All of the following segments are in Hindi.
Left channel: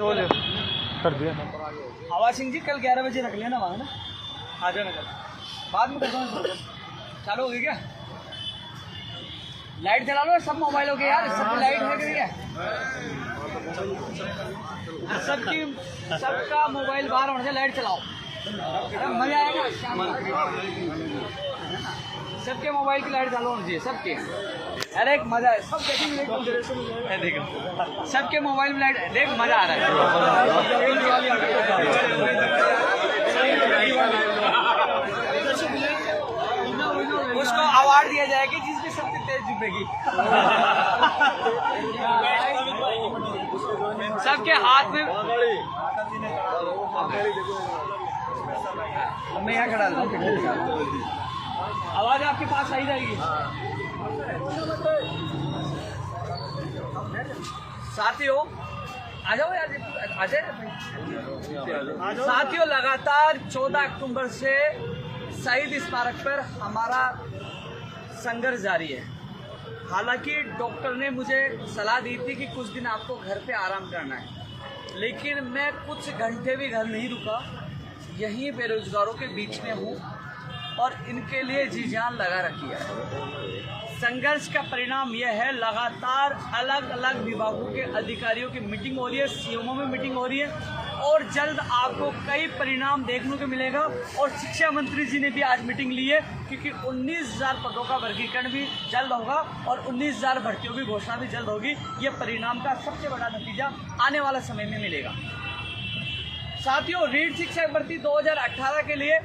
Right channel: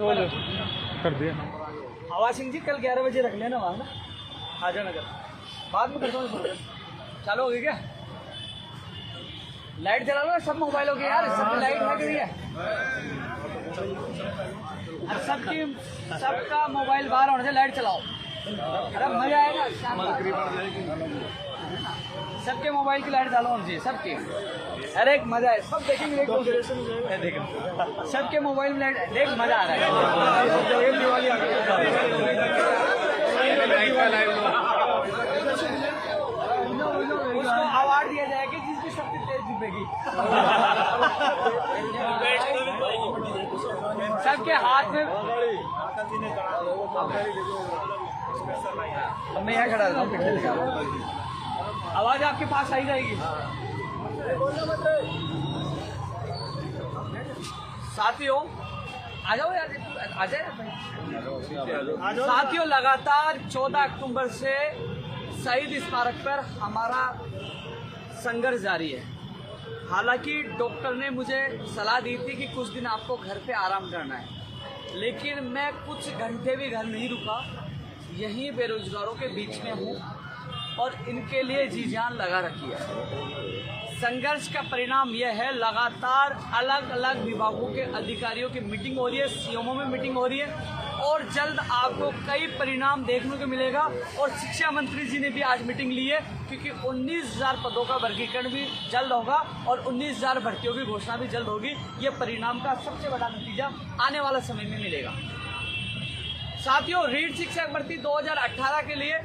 कर दिया। आवाज सिंह जी कल 11 बजे रख लेना वहाँ ना, आ जाओ नगर, बाद में करता हूँ। चालू हो गई क्या? लाइट जला लो सब मोबाइलों के यार, सब लाइट लग गई है, सबका मोबाइल बाहर होने से लाइट चलाओ, मजा आएगा शाम को। सबके मोबाइल की लाइट चालू होनी चाहिए सबके, अरे एक मजा है, सब देखेंगे देखो सबके मोबाइल में लाइट, देख मजा आ रहा है। उसको अवार्ड दिया जाएगा जिसकी सबसे तेज जुबेगी। सबके हाथ में, अब मैं यहाँ खड़ा हूँ, आवाज आपके पास आई जाएगी। साथियों आ जाओ यार, आ जाओ साथियों, लगातार 14 अक्टूबर से शहीद स्मारक पर हमारा संघर्ष जारी है। हालांकि डॉक्टर ने मुझे सलाह दी थी कि कुछ दिन आपको घर पे आराम करना है, लेकिन मैं कुछ घंटे भी घर नहीं रुका, यहीं बेरोजगारों के बीच में हूँ और इनके लिए जी जान लगा रखी है। संघर्ष का परिणाम यह है, लगातार अलग अलग विभागों के अधिकारियों की मीटिंग हो रही है, सीएमओ में मीटिंग हो रही है और जल्द आपको कई परिणाम देखने को मिलेगा। और शिक्षा मंत्री जी ने भी आज मीटिंग ली है, क्योंकि 19,000 पदों का वर्गीकरण भी जल्द होगा और 19,000 भर्तियों की घोषणा भी जल्द होगी। ये परिणाम का सबसे बड़ा नतीजा आने वाला समय में मिलेगा। साथियों, रीट शिक्षक भर्ती 2018 के लिए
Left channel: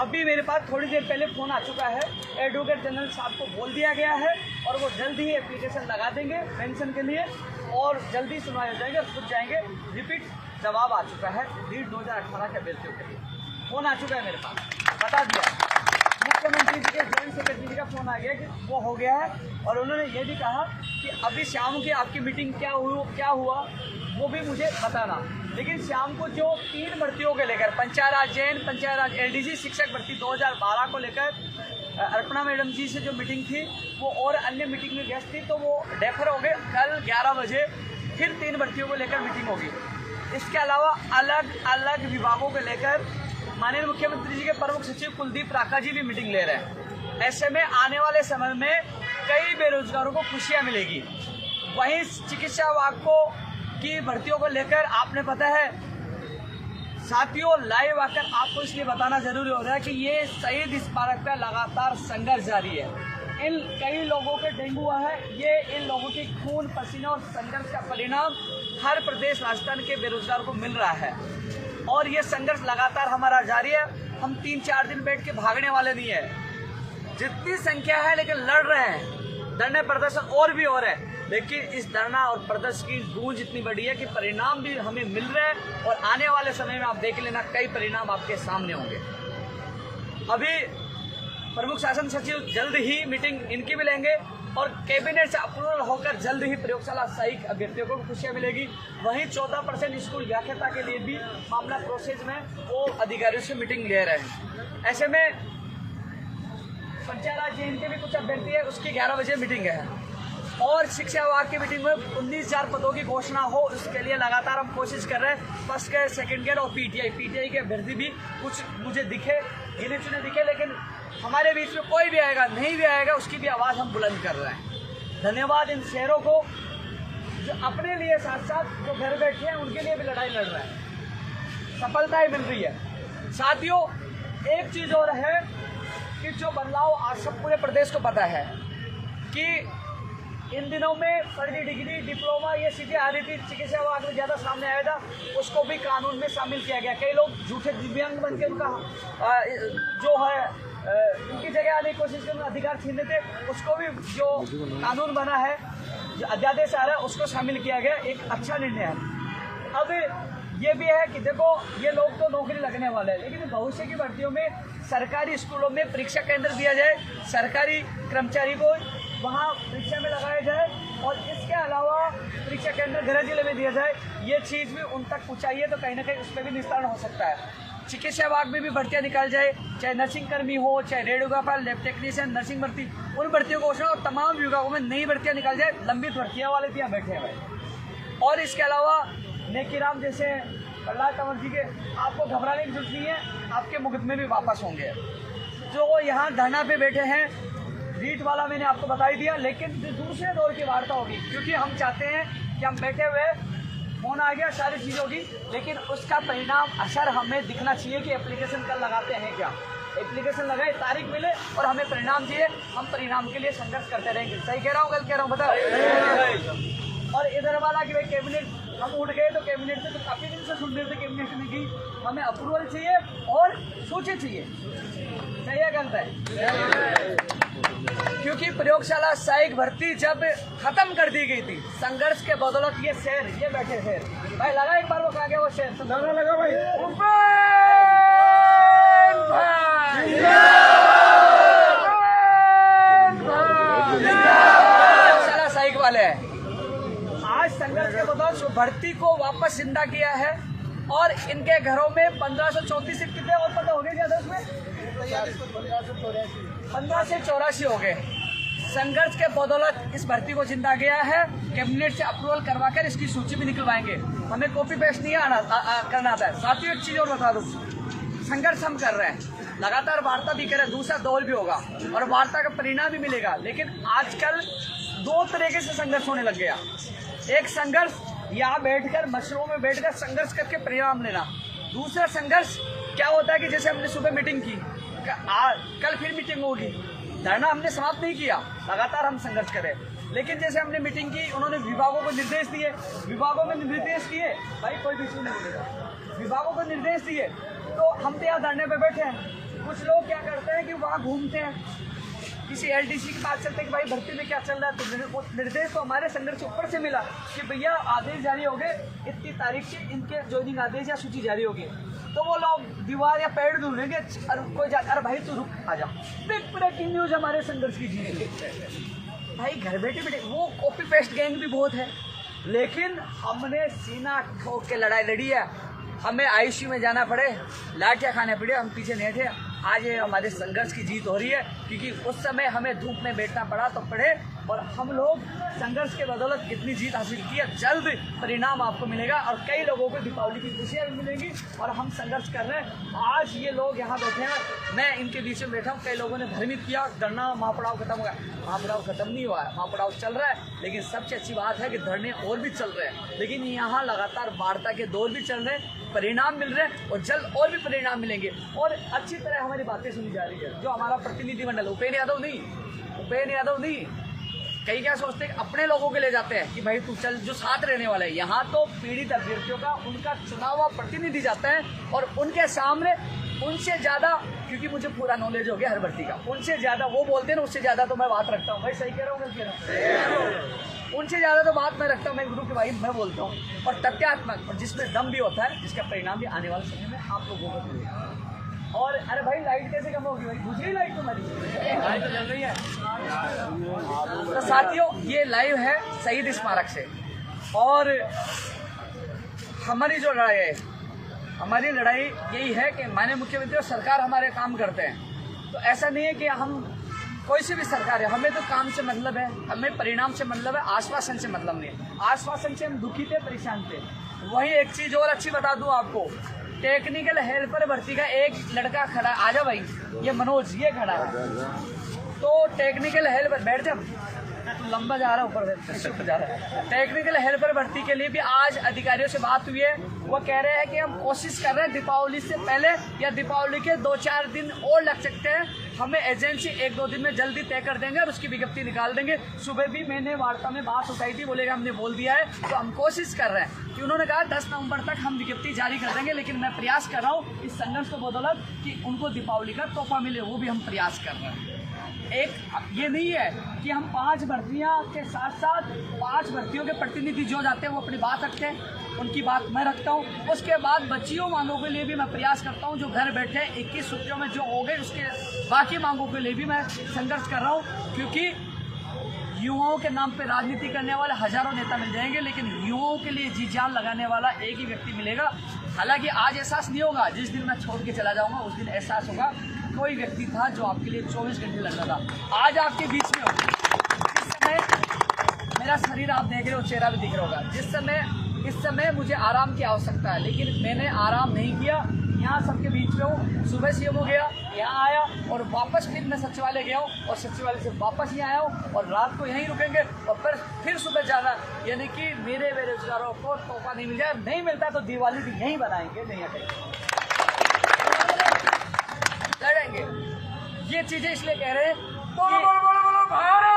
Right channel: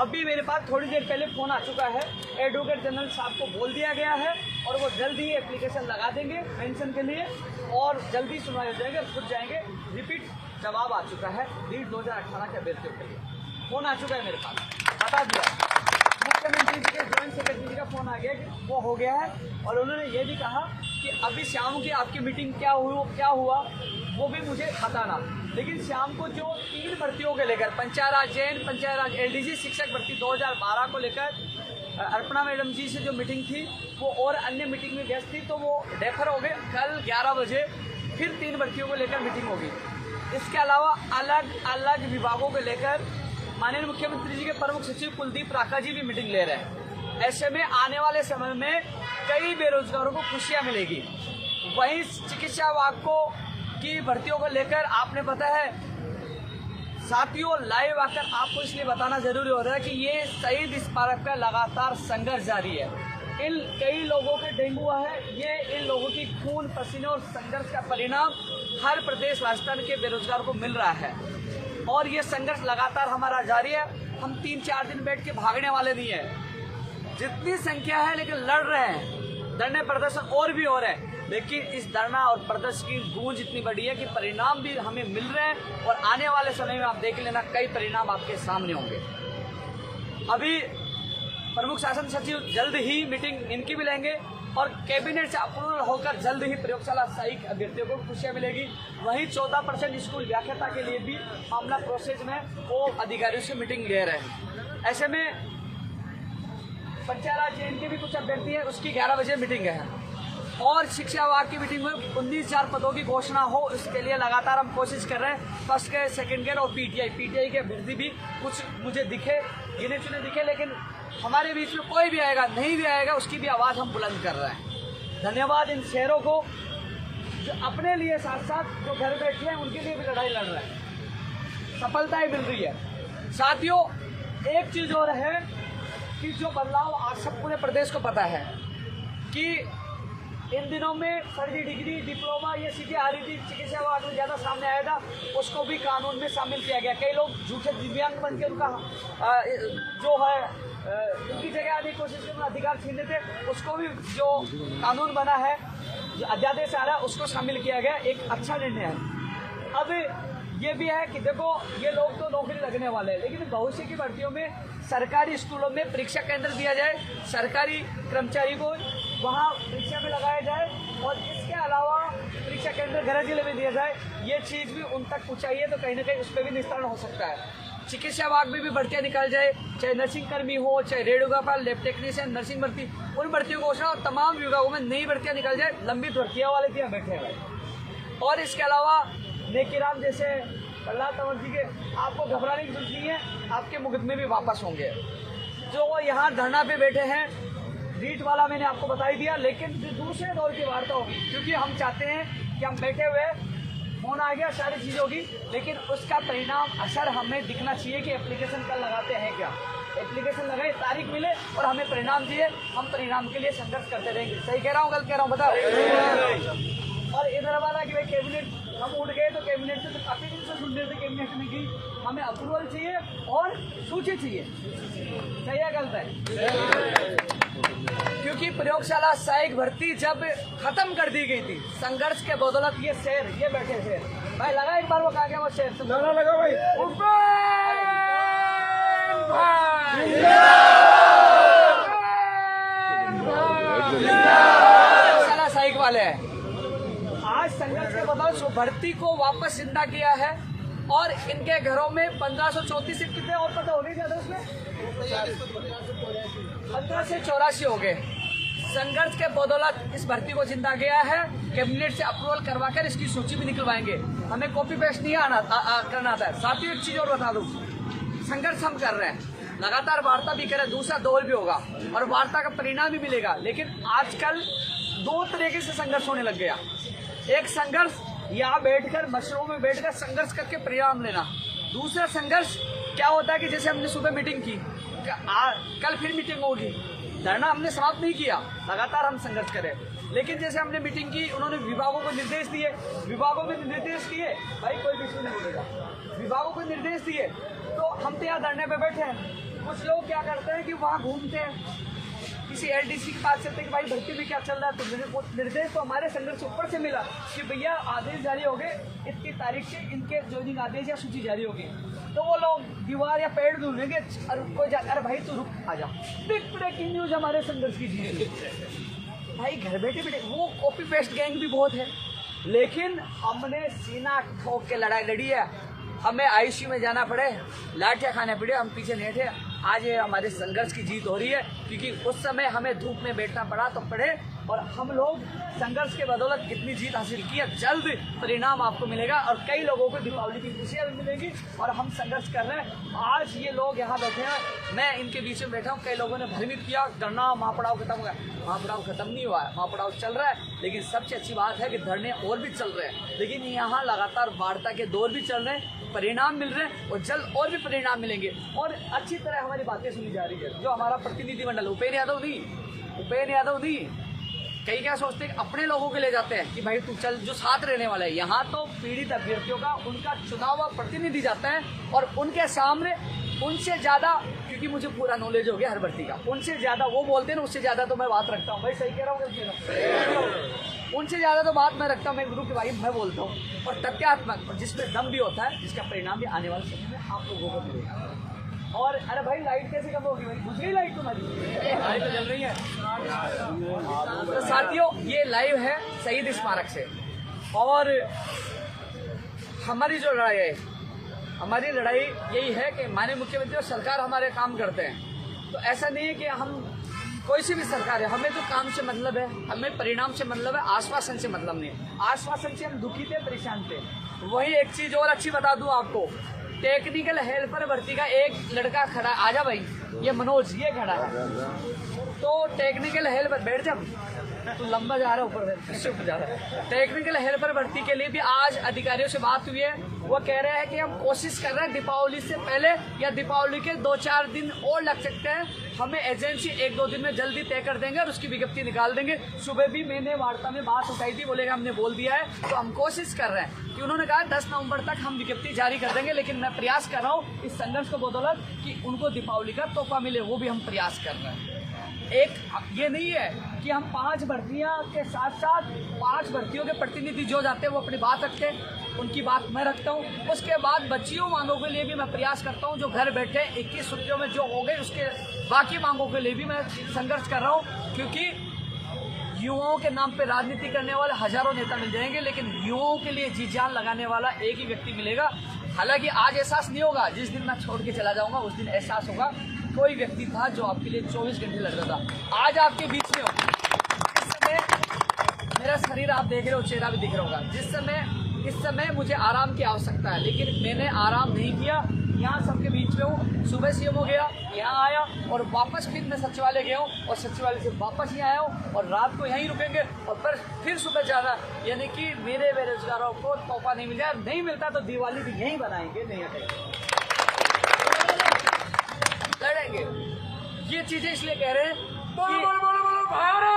अभी मेरे पास थोड़ी देर पहले फ़ोन आ चुका है, एडवोकेट जनरल साहब को बोल दिया गया है और वो जल्द ही एप्लीकेशन लगा देंगे पेंशन के लिए और जल्दी सुनवाई हो जाएंगे, खुद जाएंगे। रिपीट जवाब आ चुका है रीट 2018 के अभ्यर्थियों के लिए, फ़ोन आ चुका है मेरे पास, बता दिया। मुख्यमंत्री जी के जॉइंट सेक्रेटरी जी का फ़ोन आ गया कि वो हो गया है और उन्होंने ये भी कहा कि अभी शाम की आपकी मीटिंग क्या हुआ वो भी मुझे बताना। लेकिन शाम को जो 3 भर्तियों के लेकर, पंचायत राज जैन, पंचायत राज एलडीसी शिक्षक भर्ती 2012 को लेकर अर्पणा मैडम जी से जो मीटिंग थी वो और अन्य मीटिंग में व्यस्त थी, तो वो डेफर हो गए। कल 11 बजे फिर 3 भर्तियों को लेकर मीटिंग होगी। इसके अलावा अलग अलग विभागों को लेकर माननीय मुख्यमंत्री जी के प्रमुख सचिव कुलदीप राका जी भी मीटिंग ले रहे हैं। ऐसे में आने वाले समय में कई बेरोजगारों को खुशियाँ मिलेगी। वहीं चिकित्सा विभाग की भर्तियों को लेकर आपने पता है साथियों, लाइव आकर आपको इसलिए बताना जरूरी हो रहा है कि ये शहीद स्मारक का लगातार संघर्ष जारी है। इन कई लोगों के डेंगू हुआ है, ये इन लोगों की खून पसीने और संघर्ष का परिणाम हर प्रदेश राजस्थान के बेरोजगार को मिल रहा है और ये संघर्ष लगातार हमारा जारी है। हम 3-4 दिन बैठ के भागने वाले नहीं है, जितनी संख्या है लेकिन लड़ रहे हैं, धरने प्रदर्शन और भी हो रहे हैं, लेकिन इस धरना और प्रदर्शन की गूंज इतनी बड़ी है कि परिणाम भी हमें मिल रहे हैं और आने वाले समय में आप देख लेना कई परिणाम आपके सामने होंगे। अभी प्रमुख शासन सचिव जल्द ही मीटिंग इनकी भी लेंगे और कैबिनेट से अप्रूवल होकर जल्द ही प्रयोगशाला सही अभ्यर्थियों को खुशियाँ मिलेगी। वहीं 14% स्कूल व्याख्याता के लिए भी मामला प्रोसेस में, वो अधिकारियों से मीटिंग ले रहे हैं। ऐसे में पंचायत राज जैन के भी कुछ अभ्यर्थी है, उसकी 11 बजे मीटिंग है और शिक्षा विभाग की मीटिंग में 19,000 पदों की घोषणा हो, इसके लिए लगातार हम कोशिश कर रहे हैं। फर्स्ट ग्रेड, सेकंड ग्रेड और पीटीआई के अभ्यर्थी भी कुछ मुझे दिखे, गिने चुने दिखे, लेकिन हमारे बीच में कोई भी आएगा नहीं भी आएगा उसकी भी आवाज़ हम बुलंद कर रहे हैं। धन्यवाद इन शहरों को जो अपने लिए साथ साथ जो घर बैठे हैं उनके लिए भी लड़ाई लड़ रहे हैं, सफलताएं मिल रही है। साथियों, एक चीज़ और है कि जो बदलाव आज सब पूरे प्रदेश को पता है कि इन दिनों में फर्जी डिग्री, डिप्लोमा ये चीज़ें आ रही थी, चिकित्सा विभाग में ज़्यादा सामने आया था, उसको भी कानून में शामिल किया गया। कई लोग झूठे दिव्यांग बन के उनका जो है उनकी जगह आने की कोशिश करना, अधिकार छीनने थे, उसको भी जो कानून बना है, जो अध्यादेश आ रहा है उसको शामिल किया गया। एक अच्छा निर्णय है। अब ये भी है कि देखो ये लोग तो नौकरी लगने वाले हैं, लेकिन भविष्य की भर्तियों में सरकारी स्कूलों में परीक्षा केंद्र दिया जाए, सरकारी कर्मचारी को वहाँ परीक्षा में लगाया जाए और इसके अलावा परीक्षा केंद्र गृह जिले में दिया जाए। ये चीज़ भी उन तक पहुँचाइए तो कहीं ना कहीं उस पर भी निस्तारण हो सकता है। चिकित्सा विभाग में भी भर्तियाँ निकाल जाए, चाहे नर्सिंग कर्मी हो, चाहे रेडियोग्राफर, लैब टेक्नीशियन, नर्सिंग भर्ती, उन भर्तियों को घोषणा और तमाम विभागों में नई भर्तियाँ निकाल जाए। लंबित भर्तियाँ वाले भी यहाँ बैठे हैं और इसके अलावा नेकीराम जैसे प्रहलाद कंवर जी के, आपको घबराने की जरूरत नहीं है, आपके मुकदमे भी वापस होंगे। जो यहाँ धरना पे बैठे हैं, रीट वाला मैंने आपको बता ही दिया, लेकिन दूसरे दौर की वार्ता होगी, क्योंकि हम चाहते हैं कि हम बैठे हुए फोन आ गया, सारी चीज़ होगी, लेकिन उसका परिणाम असर हमें दिखना चाहिए कि एप्लीकेशन कल लगाते हैं क्या, एप्लीकेशन लगाए, तारीख मिले और हमें परिणाम चाहिए, हम परिणाम के लिए संघर्ष करते रहेंगे। सही कह रहा हूँ, गलत कह रहा हूँ, बताओ। और इधर वाला कि भाई कैबिनेट हम उठ गए, तो कैबिनेट से तो काफ़ी दिन से सुन रहे थे कैबिनेट में कि हमें अप्रूवल चाहिए और सूची चाहिए। सही है, गलत है? क्योंकि प्रयोगशाला सहायक भर्ती जब खत्म कर दी गई थी संघर्ष के बदौलत, ये शेर ये बैठे शेर भाई लगा एक बार, वो कहा गया वो शेर तो लगा भाई, प्रयोगशाला सहायक वाले हैं। आज संघर्ष के बदौलत भर्ती को वापस जिंदा किया है और इनके घरों में 1534 सीट कितने और पता हो गए क्या? उसमें 15 से 84 हो गए। संघर्ष के बदौलत इस भर्ती को जिंदा गया है। कैबिनेट से अप्रूवल करवाकर इसकी सूची भी निकलवाएंगे, हमें कॉपी पेस्ट नहीं करना आता है। साथियों एक चीज और बता दूं, संघर्ष हम कर रहे हैं, लगातार वार्ता भी करें, दूसरा दौर भी होगा और वार्ता का परिणाम भी मिलेगा, लेकिन आजकल दो तरीके से संघर्ष होने लग गया। एक संघर्ष यहाँ बैठकर मशरूम में बैठकर संघर्ष करके परिणाम लेना, दूसरा संघर्ष क्या होता है कि जैसे हमने सुबह मीटिंग की, कल फिर मीटिंग होगी, धरना हमने समाप्त नहीं किया, लगातार हम संघर्ष करें, लेकिन जैसे हमने मीटिंग की, उन्होंने विभागों को निर्देश दिए, विभागों में निर्देश दिए, भाई कोई भी नहीं बोलेगा, विभागों को निर्देश दिए, तो हम तो यहाँ धरने पे बैठे हैं। कुछ लोग क्या करते हैं कि वहाँ घूमते हैं, किसी एलडीसी के पास चलते हैं कि भाई भर्ती में क्या चल रहा है, तो निर्देश तो हमारे संघर्ष से ऊपर से मिला कि भैया आदेश जारी हो गए, इतनी तारीख से इनके ज्वाइनिंग आदेश या सूची जारी होगी, तो वो लोग दीवार या पेड़ ढूंढेंगे, कोई जाकर भाई तू रुक आ जा, बिग ब्रेकिंग न्यूज हमारे संघर्ष की जीत। भाई घर बैठे बैठे वो कॉपी पेस्ट गैंग भी बहुत है, लेकिन हमने सीना ठोक के लड़ाई लड़ी है, हमें आईसीयू में जाना पड़े, लाठियाँ खाने पड़े, हम पीछे नहीं थे। आज ये हमारे संघर्ष की जीत हो रही है, क्योंकि उस समय हमें धूप में बैठना पड़ा तो पड़े, और हम लोग संघर्ष के बदौलत कितनी जीत हासिल की है। जल्द परिणाम आपको मिलेगा और कई लोगों को दीपावली की खुशियाँ भी मिलेंगी, और हम संघर्ष कर रहे हैं। आज ये लोग यहाँ बैठे हैं, मैं इनके बीच में बैठा हूँ, कई लोगों ने भ्रमित किया धरना महापड़ाव खत्म हो गया, महापड़ाव खत्म नहीं हुआ है, महापड़ाव चल रहा है, लेकिन सबसे अच्छी बात है कि धरने और भी चल रहे हैं, लेकिन यहाँ लगातार वार्ता के दौर भी चल रहे हैं, परिणाम मिल रहे हैं और जल्द और भी परिणाम मिलेंगे, और अच्छी तरह हमारी बातें सुनी जा रही है। जो हमारा प्रतिनिधिमंडल उपेंद्र यादव नहीं, कई क्या सोचते हैं अपने लोगों के ले जाते हैं कि भाई तू चल, जो साथ रहने वाला है। यहाँ तो पीड़ित अभ्यर्थियों का उनका चुनाव हुआ प्रतिनिधि जाता है, और उनके सामने उनसे ज़्यादा, क्योंकि मुझे पूरा नॉलेज हो गया हर भर्ती का, उनसे ज़्यादा वो बोलते हैं ना, उससे ज़्यादा तो मैं बात रखता हूँ। भाई सही कह रहा हूँ, गलत कह रहा हूँ? उनसे ज़्यादा तो बात मैं रखता हूँ, मैं गुरु के भाई मैं बोलता हूँ, और तथ्यात्मक, और जिसमें दम भी होता है, जिसका परिणाम भी आने वाले समय में आप लोगों को मिलेगा। और अरे भाई लाइट कैसे कम होगी भाई, दूसरी लाइट तो मरी, आज तो जल रही है। तो साथियों ये लाइव है शहीद स्मारक से, और हमारी जो लड़ाई है, हमारी लड़ाई यही है कि माननीय मुख्यमंत्री और सरकार हमारे काम करते हैं, तो ऐसा नहीं है कि हम कोई सी भी सरकार है, हमें तो काम से मतलब है, हमें परिणाम से मतलब है, आश्वासन से मतलब नहीं है। आश्वासन से हम दुखी थे, परेशान थे। वहीं एक चीज और अच्छी बता दूं आपको, टेक्निकल हेल्पर भर्ती का एक लड़का खड़ा, आजा भाई, ये मनोज, ये खड़ा है, तो टेक्निकल हेल्पर, बैठ जा तू, लंबा जा रहा है ऊपर जा रहा है। टेक्निकल हेल्पर भर्ती के लिए भी आज अधिकारियों से बात हुई है, वो कह रहे हैं कि हम कोशिश कर रहे हैं दीपावली से पहले या दीपावली के 2-4 दिन और लग सकते हैं, हमें एजेंसी 1-2 दिन में जल्दी तय कर देंगे और उसकी विज्ञप्ति निकाल देंगे। सुबह भी मैंने वार्ता में बात उठाई थी, बोलेगा हमने बोल दिया है, तो हम कोशिश कर रहे हैं कि उन्होंने कहा 10 नवंबर तक हम विज्ञप्ति जारी कर देंगे, लेकिन मैं प्रयास कर रहा हूँ इस संघर्ष को बदौलत कि उनको दीपावली का तोहफा मिले, वो भी हम प्रयास कर रहे हैं। एक ये नहीं है कि हम 5 भर्तियां के साथ साथ 5 भर्तियों के प्रतिनिधि जो जाते हैं वो अपनी बात रखते हैं, उनकी बात मैं रखता हूं। उसके बाद बच्चियों मांगों के लिए भी मैं प्रयास करता हूं, जो घर बैठे 21 छुट्टियों में जो हो गए, उसके बाकी मांगों के लिए भी मैं संघर्ष कर रहा हूं, क्योंकि युवाओं के नाम पे राजनीति करने वाले हजारों नेता मिल जाएंगे, लेकिन युवाओं के लिए जी जान लगाने वाला एक ही व्यक्ति मिलेगा। हालांकि आज एहसास नहीं होगा, जिस दिन मैं छोड़ के चला जाऊंगा उस दिन एहसास होगा कोई व्यक्ति था जो आपके लिए 24 घंटे लगता था, आज आपके बीच में हो। जिस समय मेरा शरीर आप देख रहे हो, चेहरा भी दिख रहा होगा, जिस समय इस समय मुझे आराम की आवश्यकता है, लेकिन मैंने आराम नहीं किया। यहाँ सबके बीच में हूँ। सुबह सीएम हो गया, यहाँ आया और वापस फिर मैं सचिवालय गया हूँ और सचिवालय से वापस यहाँ आया हूँ और रात को यहीं रुकेंगे और फिर सुबह जाना। यानी कि मेरे बेरोजगारों को तोहफा नहीं मिल जाए, नहीं मिलता तो दिवाली भी यहीं बनाएंगे, नहीं हटेंगे, लड़ेंगे। ये चीजें इसलिए कह रहे हैं, बोलो बोलो बोलो बोलो भारत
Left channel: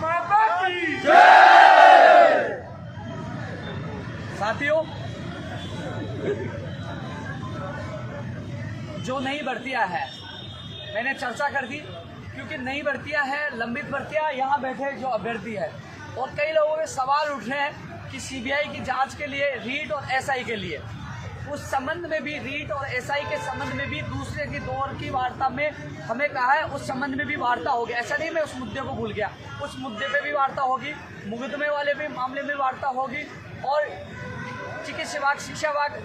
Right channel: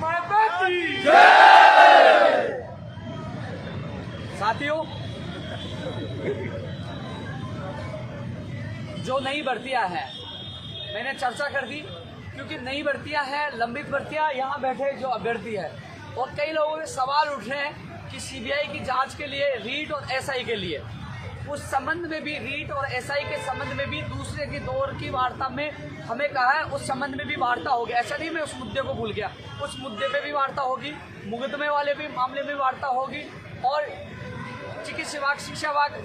माता की जय। साथियों, जो नई भर्तियां है मैंने चर्चा कर दी, क्योंकि नई भर्तियां है, लंबित भर्तियां, यहाँ बैठे जो अभ्यर्थी है और कई लोगों के सवाल उठ रहे हैं कि सीबीआई की जांच के लिए, रीट और एसआई के लिए, उस संबंध में भी, रीट और एसआई के संबंध में भी दूसरे की दौर की वार्ता में हमें कहा है, उस संबंध में भी वार्ता होगी। ऐसा नहीं मैं उस मुद्दे को भूल गया, उस मुद्दे पे भी वार्ता होगी, मुकदमे वाले भी मामले में वार्ता होगी। और चिकित्सा विभाग,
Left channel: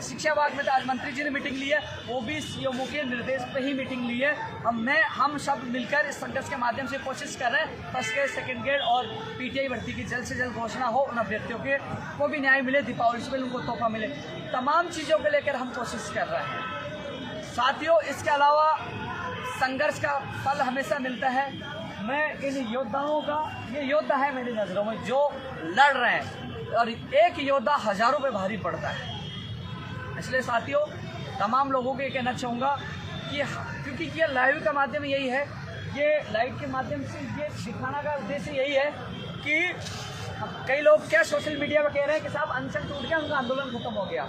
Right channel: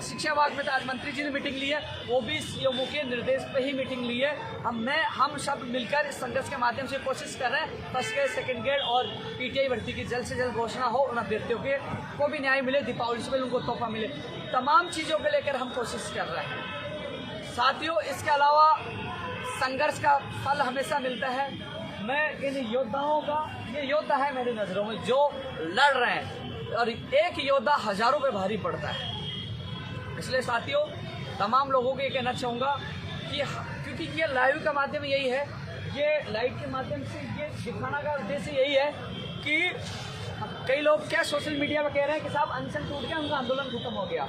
शिक्षा विभाग में तो आज मंत्री जी ने मीटिंग ली है, वो भी सीएमओ के निर्देश पे ही मीटिंग ली है। हम सब मिलकर इस संघर्ष के माध्यम से कोशिश कर रहे हैं फर्स्ट ग्रेड, सेकंड ग्रेड और पीटीआई भर्ती की जल्द से जल्द घोषणा हो, उन अभ्यर्थियों के को भी न्याय मिले, दीपावली से उनको तोहफा मिले। तमाम चीज़ों को लेकर हम कोशिश कर रहे हैं। साथियों, इसके अलावा संघर्ष का फल हमेशा मिलता है। मैं इन योद्धाओं का, ये योद्धा है मेरी नज़रों में जो लड़ रहे हैं, और एक योद्धा हजारों पे भारी पड़ता है। इसलिए साथियों, तमाम लोगों को ये कहना चाहूँगा कि क्योंकि ये लाइव का माध्यम यही है, ये लाइव के माध्यम से ये दिखाना का उद्देश्य यही है कि कई लोग क्या सोशल मीडिया पर कह रहे हैं कि साहब अनशन टूट गया, उनका आंदोलन खत्म हो गया।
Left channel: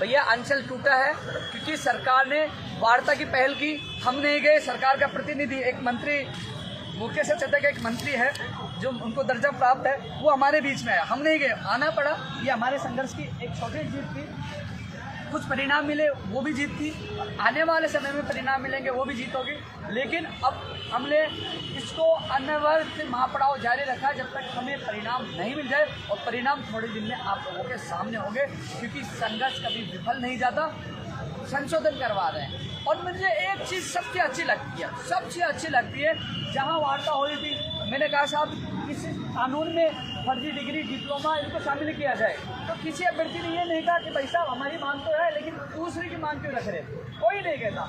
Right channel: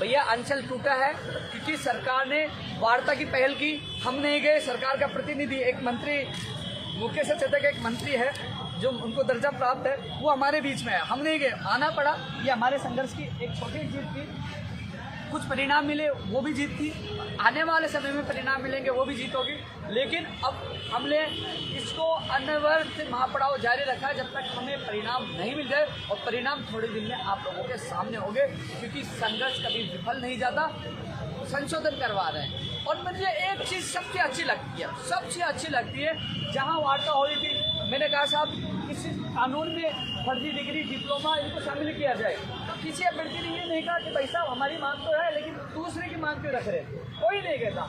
भैया, अनशन टूटा है क्योंकि सरकार ने वार्ता की पहल की, हम नहीं गए। सरकार का प्रतिनिधि, एक मंत्री, मुकेश चतुर्वेदी का एक मंत्री है जो उनको दर्जा प्राप्त है, वो हमारे बीच में है, हम नहीं गए, आना पड़ा। ये हमारे संघर्ष की एक छोटी जीत थी, कुछ परिणाम मिले, वो भी जीत थी। आने वाले समय में परिणाम मिलेंगे, वो भी जीत होगी। लेकिन अब हमने इसको अनवरत महापड़ाव जारी रखा जब तक हमें परिणाम नहीं मिल गए, और परिणाम थोड़े दिन में आप लोगों के सामने होंगे, क्योंकि संघर्ष कभी विफल नहीं जाता। संशोधन करवा रहे हैं। और मुझे एक चीज़ सबसे अच्छी लगती है, जहाँ वार्ता हो रही थी, मैंने कहा साहब इस कानून में फर्जी डिग्री, डिप्लोमा, इनको शामिल किया जाए। तो किसी अभ्यर्थी ने ये नहीं कहा कि भाई साहब हमारी मांग तो है, लेकिन दूसरे की मांग क्यों रख रहे, कोई नहीं कहता।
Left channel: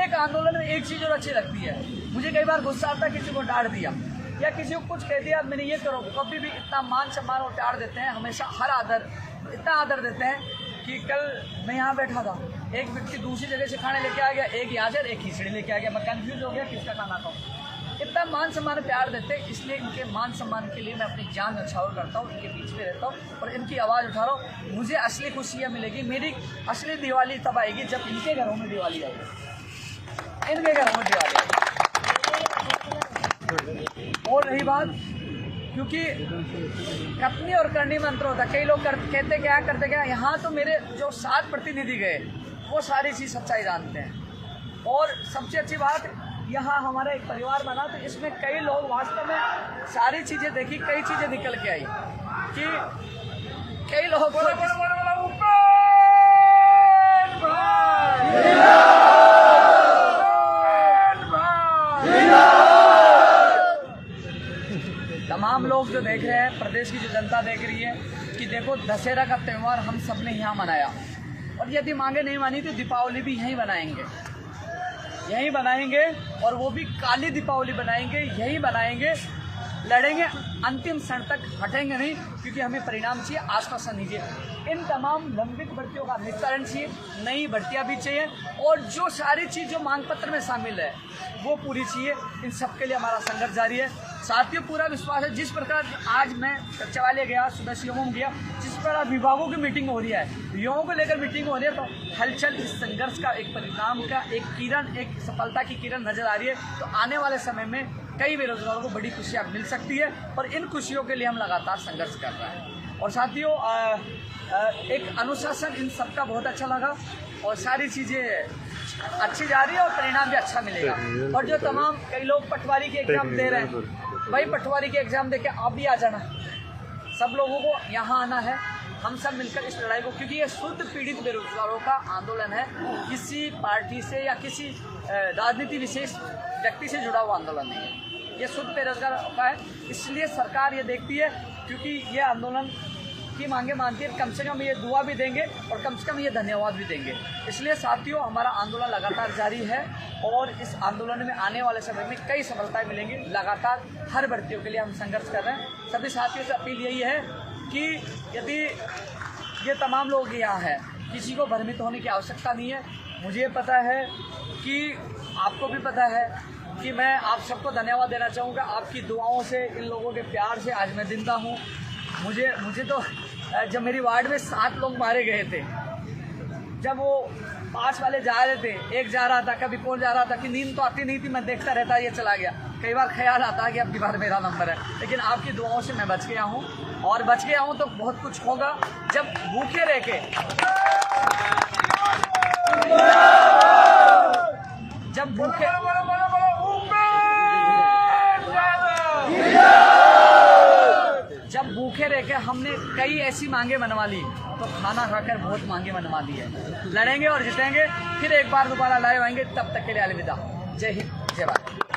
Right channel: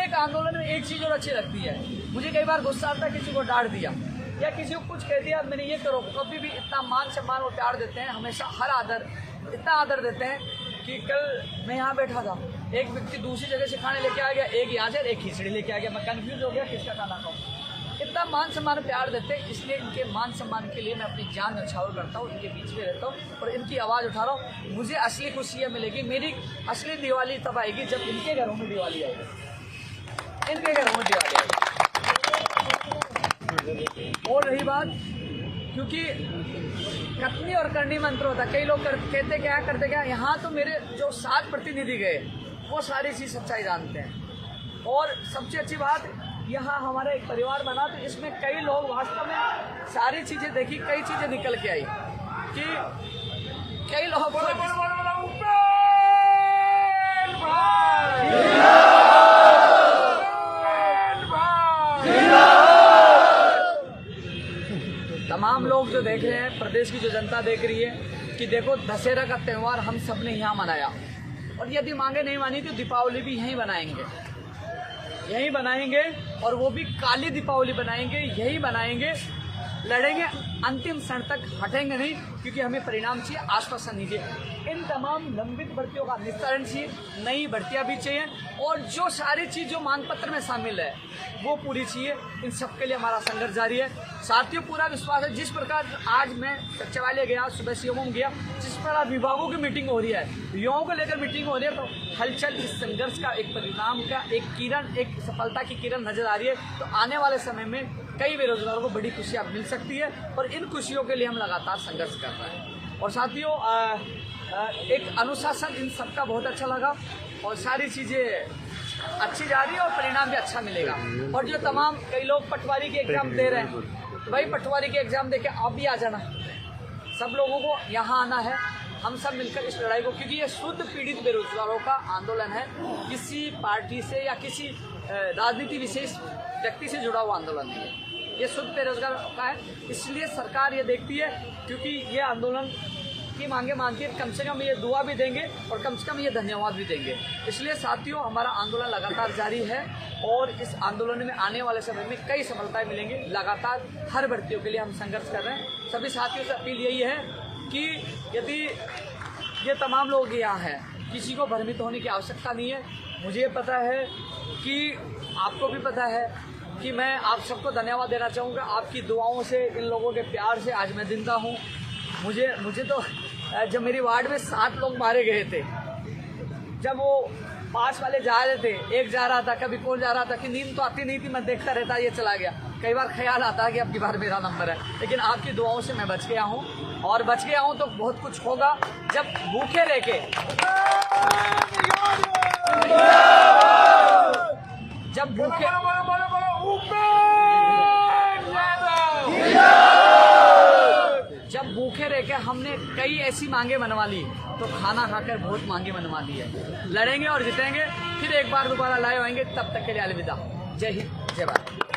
एक आंदोलन में एक चीज़ और अच्छी लगती है, मुझे कई बार गुस्सा आता है, किसी को डांट दिया या किसी को कुछ कह दिया, मैंने ये करो, कभी भी इतना मान सम्मान और प्यार देते हैं, हमेशा हर आदर, इतना आदर देते हैं कि कल मैं यहाँ बैठा था, एक व्यक्ति दूसरी जगह से खाने लेके आ गया, एक यहाँ से एक खिचड़ी लेके आ गया, मैं कंफ्यूज हो गया किसका खाना खाऊं। इतना मान सम्मान प्यार देते हैं, इसलिए इनके मान सम्मान के लिए मैं अपनी जान न्यौछावर करता हूँ, इनके बीच में रहता हूँ और इनकी आवाज़ उठा रहा हूँ। मुझे असली खुशी यह मिलेगी, मेरी असली दिवाली तब आएगी जब इनके घरों में दिवाली आएगी, इनके घरों में दिवाली आएगी। और रही बात, क्योंकि कथनी और करनी में अंतर होता है, कई लोग कहते क्या, यहाँ तो मेरे जो 7 प्रतिनिधि गए वो सारी चीज़ सच्चाई जानते हैं। और सबसे अच्छी बात, यहाँ हमारा एक परिवार बना, तो इसमें कई लोग वास्तव में सारी चीज़ें देखी, कई चीज़ें निकल के आई कि कई लोग तमाम लोग जो देख रहे हैं, प्रदेश की जो जनता देख रही है कि देखो दशहरा का त्यौहार हम सब ने यहाँ मनाया, और यदि मांगे नहीं मानी तो दीपावली भी यहीं बनाएंगे, और वो भी काली दीपावली बनाएंगे, यही बनाएंगे, लड़ेंगे, अंतिम क्षण तक हटेंगे नहीं, क्योंकि हमें परिणाम चाहिए, आश्वासन नहीं चाहिए। इन तमाम लंबित भर्तियों का निस्तारण चाहिए, नई भर्तियां भी चाहिए, और जो सारी चीज़ जो मांग पत्र में शामिल है वो पूरी चाहिए। इन सब के लिए हमारा संघर्ष जारी है। साथियों, पूरा विश्वास है, जिस प्रकार आज मैं सचिवालय गया, सुबह सीएमओ गया, जिस प्रकार विभागों की मीटिंग हो रही है, युवाओं को लेकर मीटिंग हो रही है, तो हलचल इस संघर्ष का, एक परिणाम का, एक किरण, एक सफलता की किरण नजर आ रही है। तो आने वाले समय में कई बेरोजगारों को बड़ी खुशियाँ मिल सकती है, और इन खुशियों के लिए हम लगातार संघर्ष कर रहे हैं। और साथियों, एक अनुशासन इन सबका बहुत अच्छा लगा, और सारी चीज़ें अच्छी जा रही है, और परिणाम भी अच्छा मिलेगा। और जो तमाम कई लोग पटवारी के एग्जाम दे रहे हैं, भाई पटवारी के एग्जाम दे के आप भी आ जाना, सब लोगों को यहाँ आना है, हम सब मिलकर इस लड़ाई को, क्योंकि ये शुद्ध पीड़ित बेरोजगारों का आंदोलन है, किसी पार्टी से या किसी राजनीति विशेष व्यक्ति से जुड़ा हुआ आंदोलन नहीं है, ये शुद्ध बेरोजगार का है। इसलिए सरकार ये देखती है, क्योंकि ये आंदोलन सबकी मांगे मानती है, कम से कम ये दुआ भी देंगे और कम से कम ये धन्यवाद भी देंगे। इसलिए साथियों, हमारा आंदोलन लगातार जारी है और इस आंदोलन में आने वाले समय में कई सफलताएं मिलेंगी। लगातार हर भर्तियों के लिए हम संघर्ष कर रहे हैं। सभी साथियों से अपील यही है कि यदि ये तमाम लोग यहाँ हैं, किसी को भ्रमित होने की आवश्यकता नहीं है। मुझे पता है कि आपको भी पता है कि मैं आप सबको धन्यवाद देना चाहूँगा। आपकी दुआओं से, इन लोगों के प्यार से आज मैं जिंदा हूँ। मुझे तो जब मेरी वार्ड में 60 लोग मारे गए थे, जब वो 5 वाले जा रहे थे, एक जा रहा था, कभी कौन जा रहा था, कि नींद तो आती नहीं थी, मैं देखता रहता ये चला गया। कई बार ख्याल आता है कि अब की बार मेरा नंबर है, लेकिन आपकी दुआओं से मैं बच गया हूँ और बच गया हूँ तो बहुत कुछ होगा। जब भूखे रह के जब भूखे रह के हमने कई ऐसी मांगे मनवा ली, तो खाना खाकर बहुत मांगे मनवा ली है। लड़ेंगे और जीतेंगे, फिर एक बार दोबारा लाए होंगे। तब तक के लिए अलविदा। जय हिंद, जय भारत।